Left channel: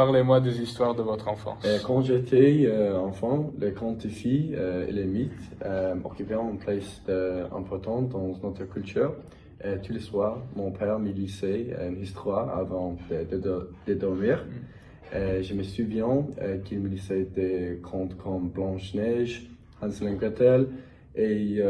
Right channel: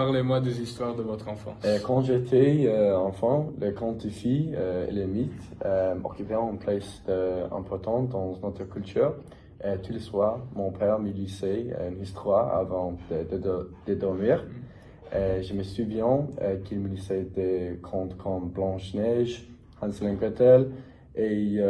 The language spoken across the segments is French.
Parlez-moi des histoires de votre enfance. Quand j'étais enfant, les contes de filles et les mythes occupaient une place importante dans notre culture. Tous les soirs, mon père me lisait une histoire avant de dormir. Je me souviens qu'il me lisait des contes comme Blanche-Neige, Hansel et Gretel et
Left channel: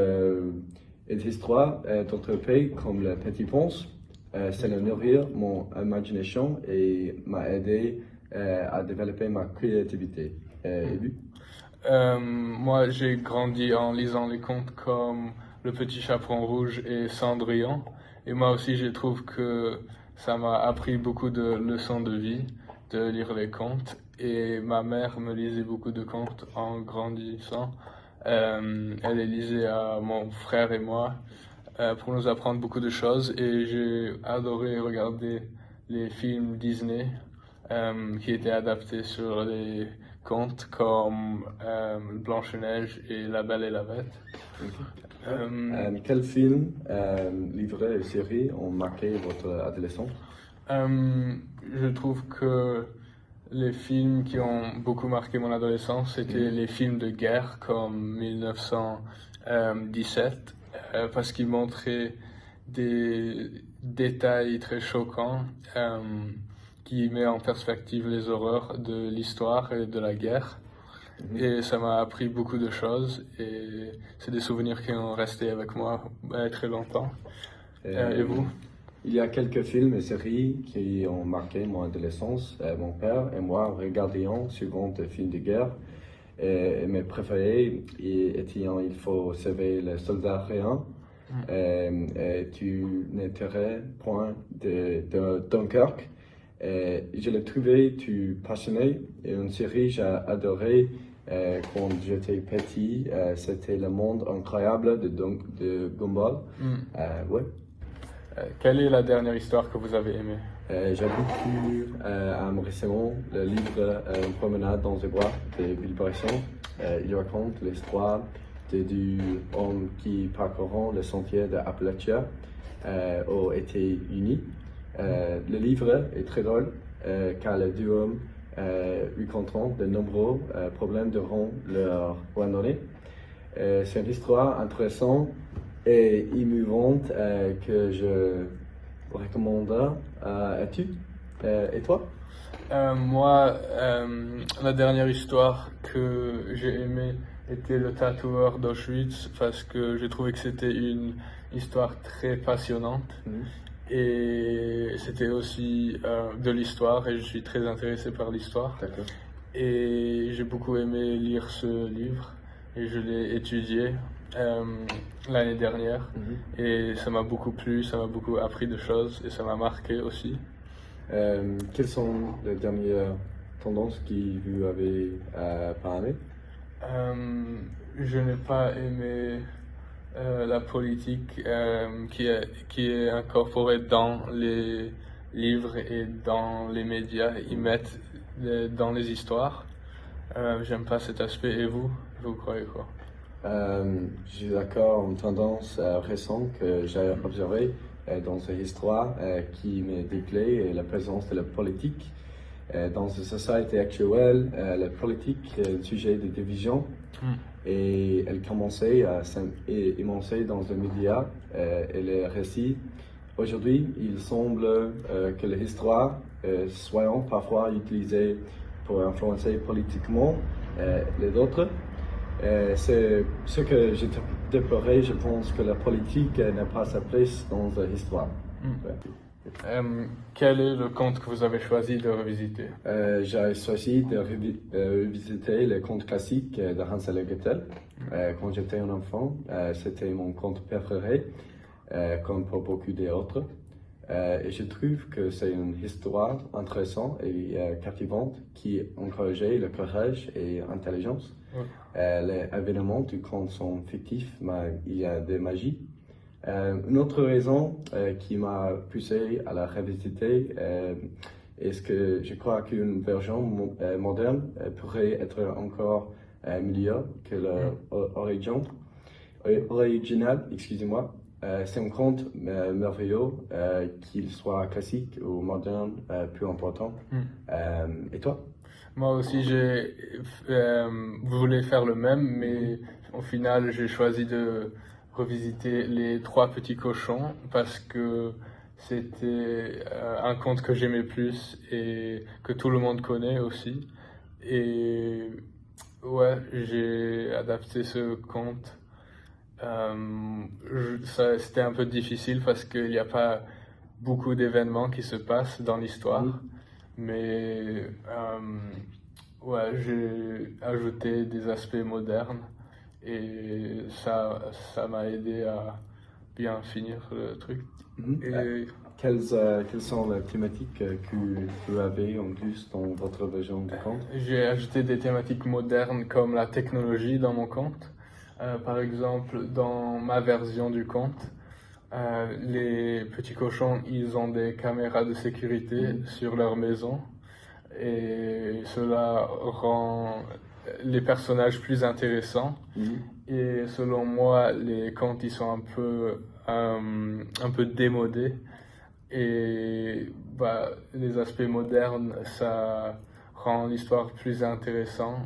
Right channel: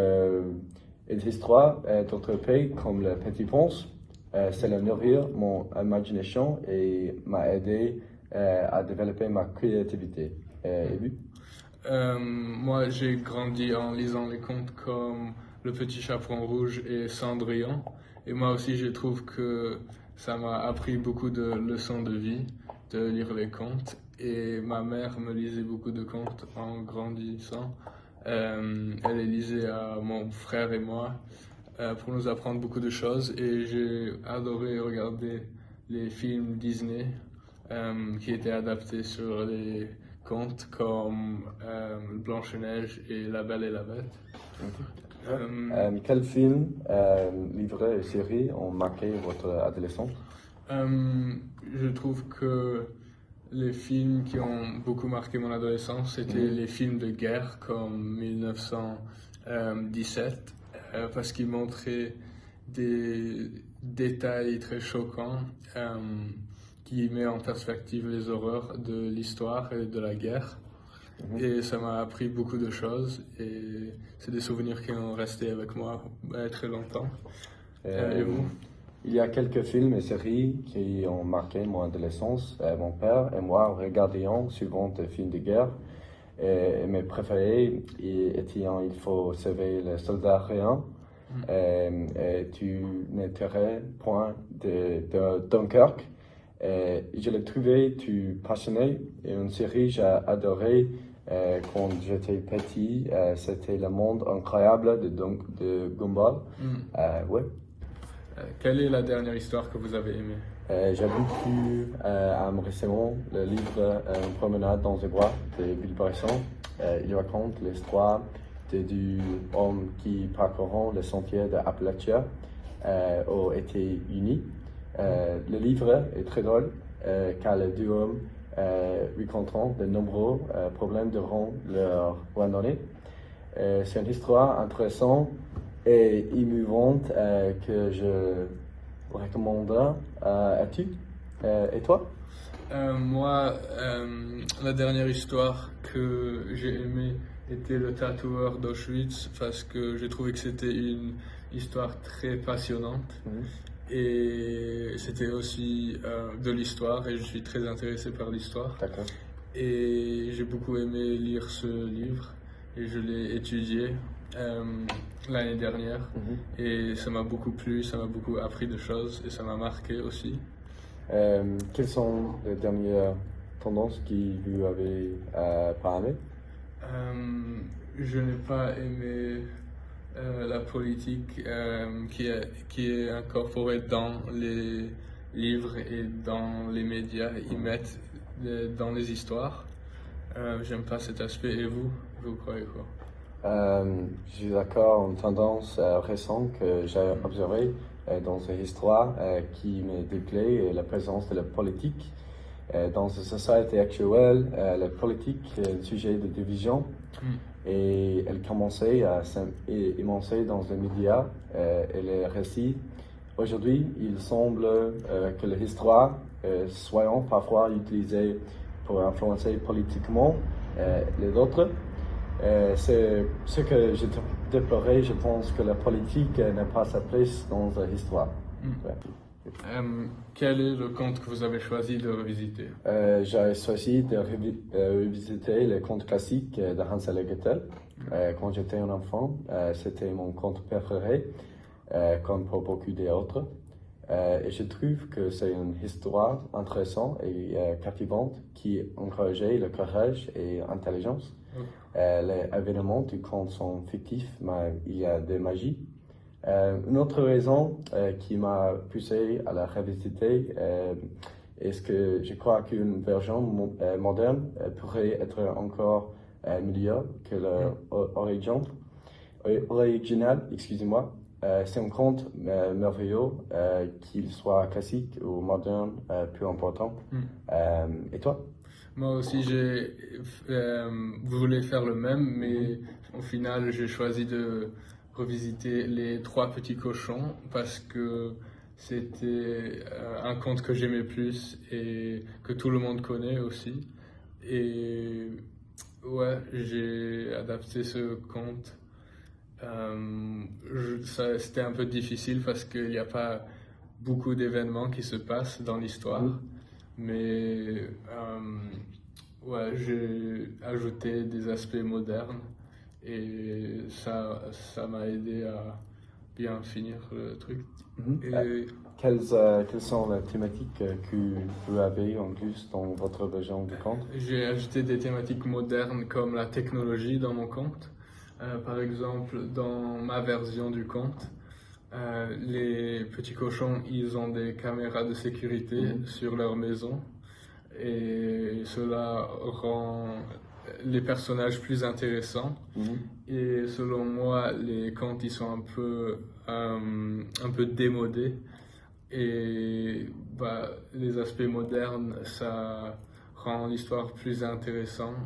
des histoires d'autres pays comme Le Petit Prince. Ça a nourri mon imagination et m'a aidé à développer ma créativité. Et lui? Moi, j'ai grandi en lisant les contes comme Le Petit Chaperon Rouge et Cendrillon. Et moi aussi, je trouve que ça m'a appris beaucoup de leçons de vie de lire les contes. Et ma mère me lisait beaucoup de contes en grandissant. Elle les lisait à mon frère et moi pour nous apprendre beaucoup de choses. Et j'ai adoré regarder les films Disney qui étaient adaptés sur les contes comme Blanche-Neige et La Belle et la Bête. Quel film, livre et série ont marqué votre adolescence? Je trouve que les films qui ont beaucoup marqué mon adolescence, c'était les films de guerre comme 1917, parce qu'ils montraient des détails très choquants qui mettent en perspective les horreurs de l'histoire et de la guerre. Et ça m'a appris beaucoup de choses et c'est des souvenirs qui ont resté avec moi très longtemps. Et vous? Il y a quelques films et séries qui ont marqué mon adolescence. Mon père et moi regardions souvent des films de guerre. Et mes préférés étaient Il faut sauver les soldats rien. Et Tu n'étais point de Dunkerque. Je l'ai trouvé tout passionné et une série que j'ai adoré quand j'étais petit. C'était Le Monde Incroyable de Gumball. Ouais. Quelle est la dernière histoire que vous avez aimée? J'ai beaucoup aimé récemment le livre Une promenade dans les bois de Bill Bryson. Il raconte l'histoire de deux hommes qui parcourent le sentier de Appalachia aux États-Unis. Le livre est très drôle car les deux hommes rencontrent de nombreux problèmes durant leur randonnée. C'est une histoire intéressante et émouvante que je recommande à tu. Et toi? Moi, la dernière histoire que j'ai aimée était Le Tatoueur d'Auschwitz parce que j'ai trouvé que c'était une histoire très passionnante et c'était aussi de l'histoire et je suis très intéressé par l'histoire. D'accord. Et j'ai beaucoup aimé lire ce livre et je l'ai étudié l'année dernière et ça m'a beaucoup plu, ça m'a beaucoup appris de choses et ça m'a marqué aussi. Quelles sont les dernières tendances que vous avez pas aimées? Je n'ai pas aimé la politique qui est incorporée dans les livres et dans les médias. Ils mettent dans les histoires. J'aime pas cet aspect. Et vous croyez quoi? Je suis d'accord, une tendance récente que j'ai observée dans ces histoires qui me déplaît est la présence de la politique. Dans la société actuelle, la politique est le sujet de division et elle commençait à s'émancer dans les médias et les récits. Aujourd'hui, il semble que les histoires soient parfois utilisées pour influencer politiquement les autres. C'est ce que j'ai déploré. Je pense que la politique n'a pas sa place dans l'histoire. Quel est le conte que vous avez choisi de revisiter? J'ai choisi de revisiter le conte classique de Hansel et Gretel. Quand j'étais un enfant, c'était mon conte préféré, comme pour beaucoup d'autres. Et je trouve que c'est une histoire intéressante et captivante qui encourageait le courage et l'intelligence. Les événements du conte sont fictifs, mais il y a de magie. Une autre raison qui m'a poussé à la revisiter est que je crois qu'une version moderne pourrait être encore meilleure que l'original, excusez-moi. C'est un conte merveilleux, qu'il soit classique ou moderne, plus important. Et toi? Moi aussi, j'ai voulu faire le même, mais au final, j'ai choisi de revisiter Les Trois Petits Cochons parce que c'était un conte que j'aimais plus et que tout le monde connaît aussi. Et ouais, j'ai adapté ce conte. C'était un peu difficile parce qu'il n'y a pas beaucoup d'événements qui se passent dans l'histoire, mais ouais, j'ai ajouté des aspects modernes et ça m'a aidé à bien finir le truc. Et Quelles sont les thématiques que vous avez en plus dans votre version du conte? j'ai ajouté des thématiques modernes comme la technologie dans mon conte. Par exemple, dans ma version du conte, les petits cochons, ils ont des caméras de sécurité sur leur maison et cela rend les personnages plus intéressants. Et selon moi, les contes, ils sont un peu démodés et bah, les aspects modernes, ça rend l'histoire plus intéressante.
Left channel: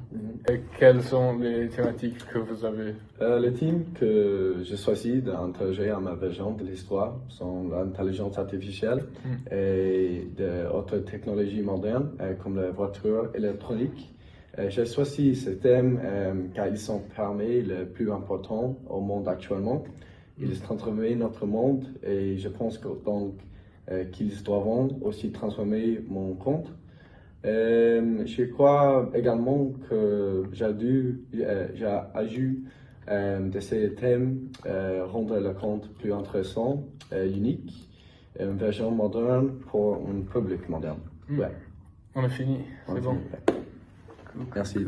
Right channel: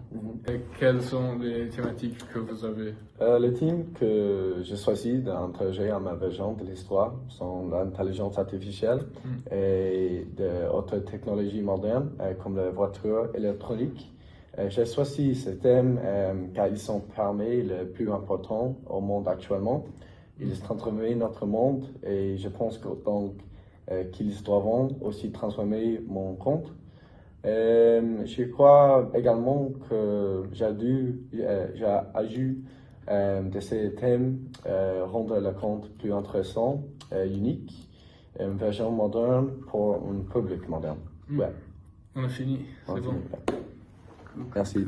Et quelles sont les thématiques que vous avez? Les thèmes que j'ai choisi d'interroger à ma version de l'histoire sont l'intelligence artificielle et d'autres technologies modernes comme les voitures électroniques. J'ai choisi ces thèmes car ils sont parmi les plus importants au monde actuellement. Ils transforment notre monde et je pense qu'ils doivent aussi transformer mon conte. Je crois également que j'ai ajouté de ces thèmes rendre le conte plus intéressant, unique, une version moderne pour un public moderne. Ouais. On a fini, c'est bon. Merci.